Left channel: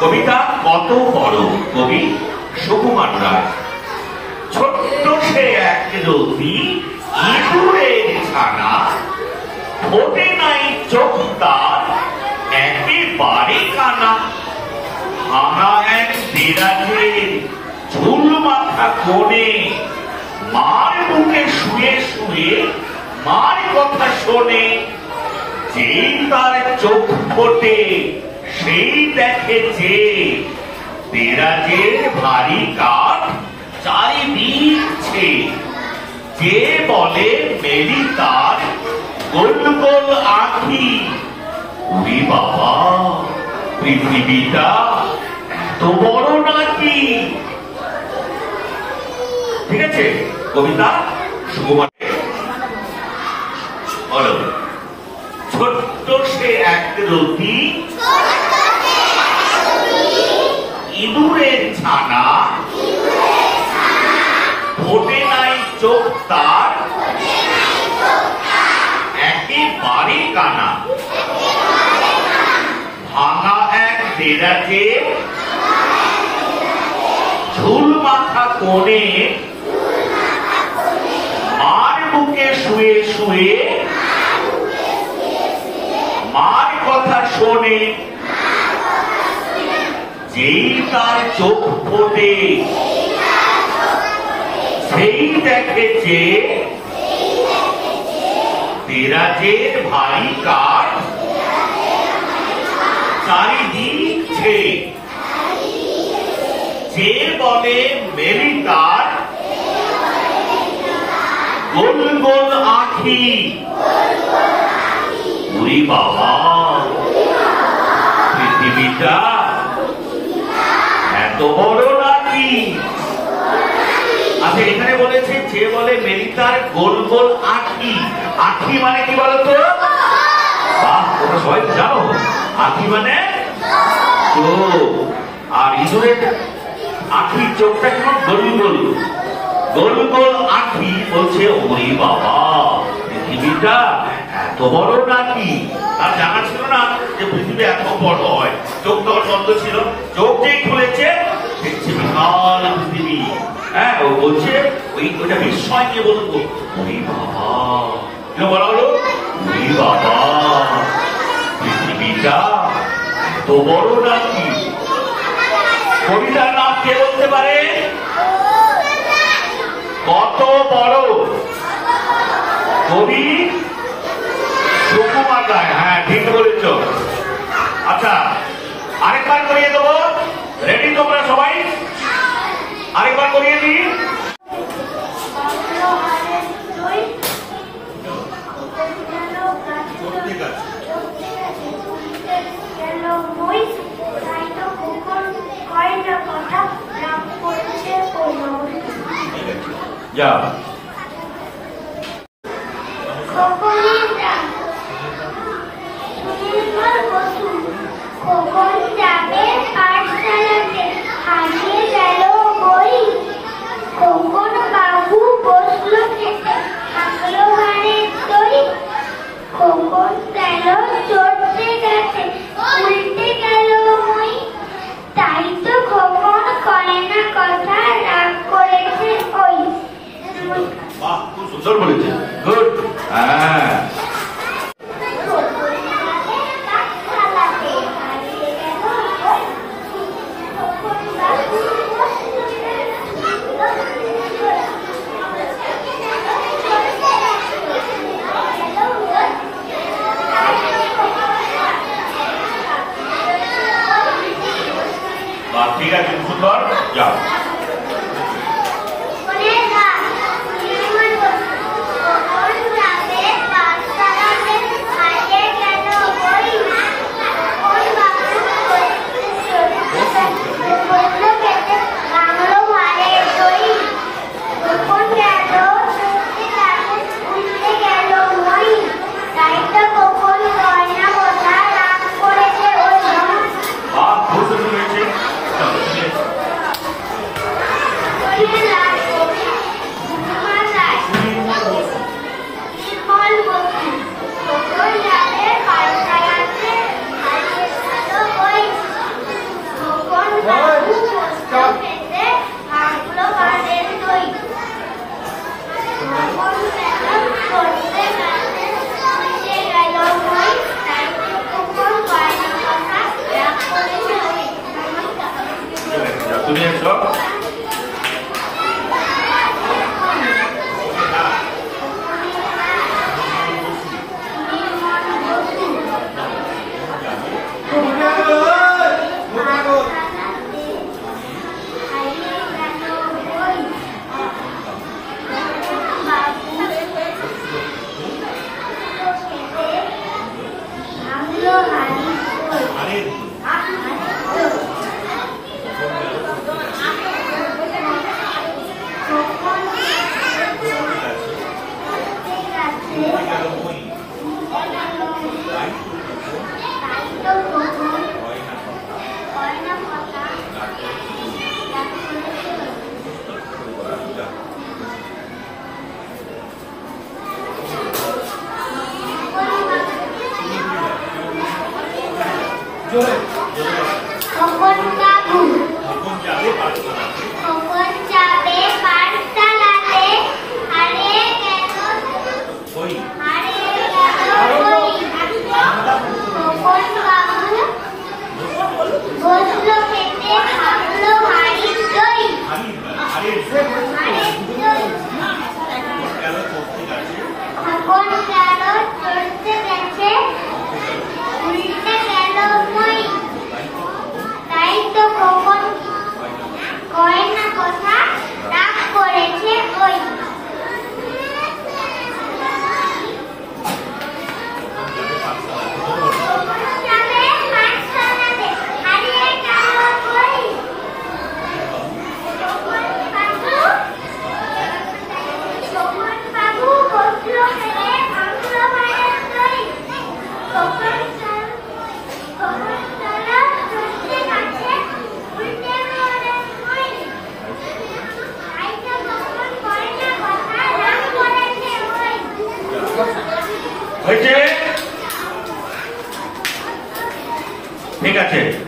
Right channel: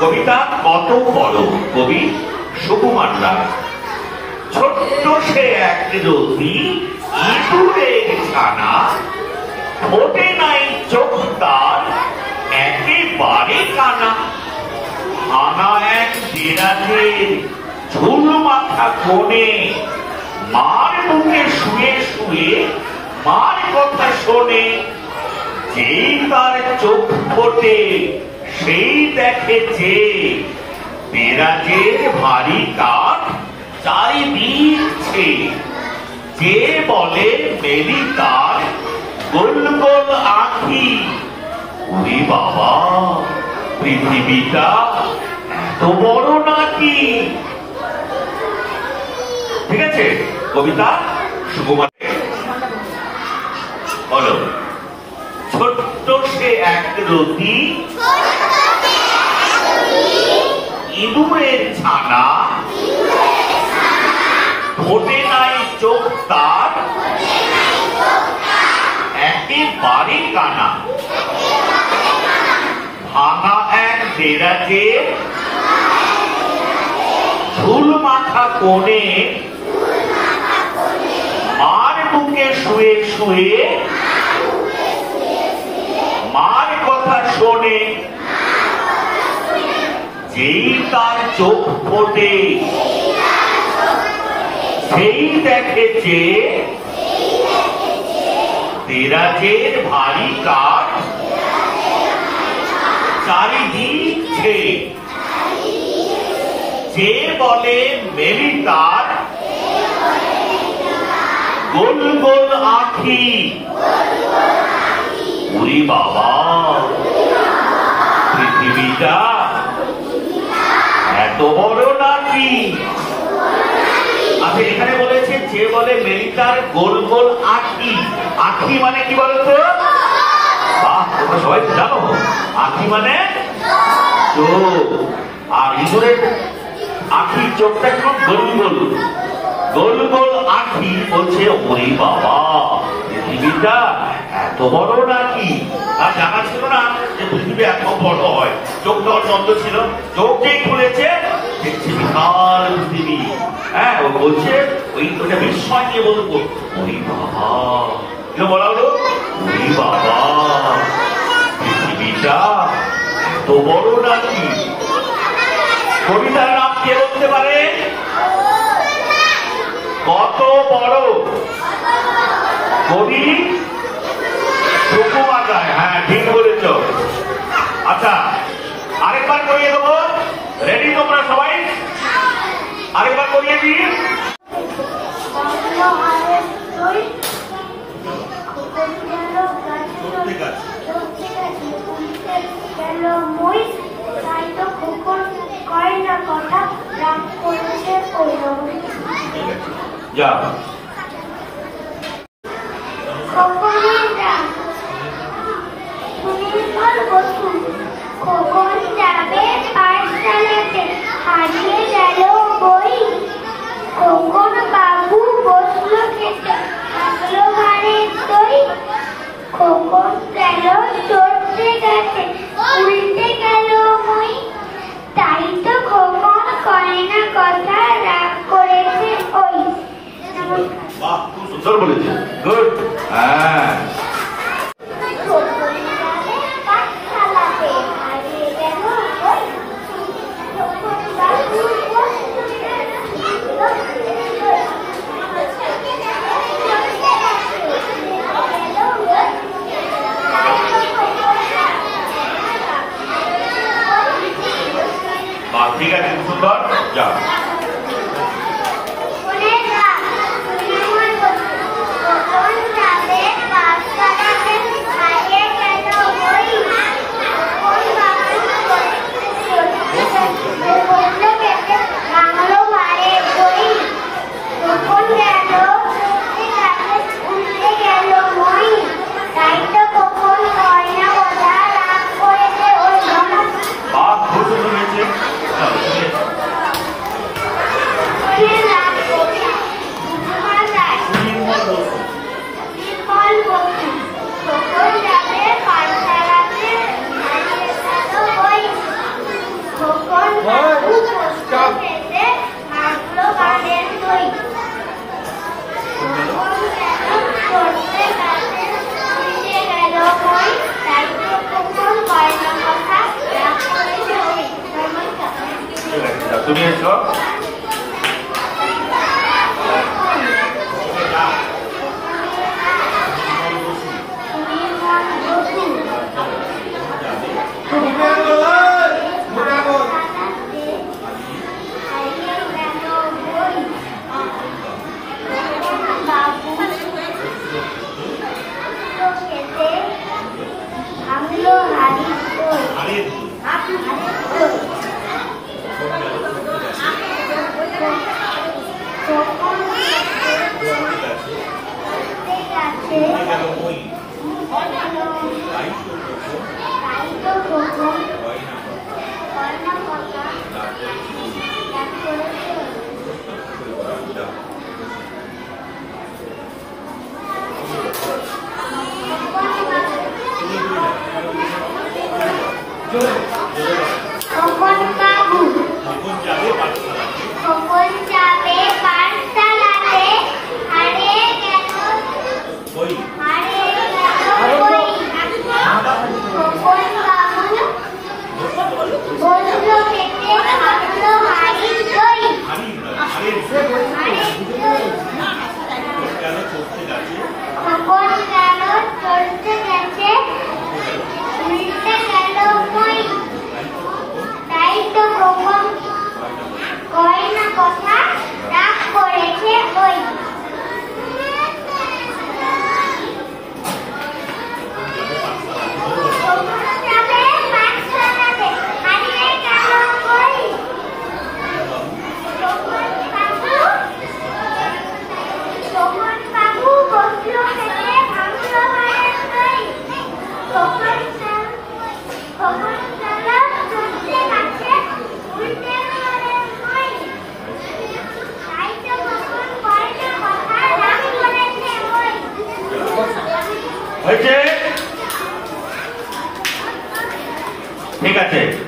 কবিতা কত বড় কবি সুকুমার রায়। ছোট্ট সে এক রতি ইঁদুরের ছানা, ফোটে নাই চোখ তার একেবারে কানা। ভাঙা এক বিরাজের ঝুল মাথা কোণে, মার বুকে শুয়ে শুয়ে মার কথা শোনে। যেই তার চোখ ফোটে সেই দেখেছে, বিরাজের ভারী কাঠ চারিদিকে। যে বলে মেলি তার গোল গোল আঁখি, ওরে বাবা পৃথিবীটা এত বড় নাকি। ঠিক আছে, কবিতা সুকুমার। বলো, ছোট্ট সে এক রতি ইঁদুরের ছানা, ফোটে নাই চোখ তার একেবারে কানা। ভাঙা এক দেরাজে ঝুল মাথা কোণে, মার বুকে শুয়ে শুয়ে মার কথা শোনে। যেই তার চোখ ফোটে সেই দেখেছে, দেরাজের ভারী কাঠ চারিদিকে। যে বলে মেলি তার গোল গোল আঁখি, ওরে বাবা পৃথিবীটা এত বড় নাকি। আচ্ছা, এখানে বলেছে যে বলে মেলি তার গোল গোল আঁখি। আঁখি মানে কি বলতো? বাহ, তোমরা সবাই জানো আঁখি মানে চোখ। আর ইঁদুরের আঁখির চোখটা কেমন গোল গোল, গোল গোল আঁখি। বলছে ওরে বাবা পৃথিবীটা এত বড় নাকি। আর জানা ছিল না যে পৃথিবী এত বড় হয়। চোখটা বন্ধ ছিল, চোখ যেই খুলেছে দেখছে বিশাল পৃথিবী। হ্যাঁ, ও বলছে ওইটা বিস্ময় নিয়ে বলতো ওরে বাবা। বলা হলো ওরে বাবা পৃথিবীটা এত বড় নাকি। কবিতার নাম কে বলতে পারে? কত বড়? কবি সুকুমার রায়। হ্যাঁ, ঠিক বলেছ। আচ্ছা, আরেকবার করিয়ে দেবো। রেডি তোমরা সবাই? আরেকবার করিয়ে দিই। যা খোকন যাবে পাঠশালাতে, হারিয়ে গেল বই। খোকন বাবু বসলো খেতে, থাকলো ঘরে দই। খোকন গেল চড়তে গেছে, উল্টে গেল মই। তাই তো খোকন কয় না কথা, রাগ করেছে ওই। বাহ, খুব সুন্দর বলেছে। গুড। হ্যাঁ, ঠিক আছে, সুন্দর। যাও। তুমি এসো। ঠিক আছে।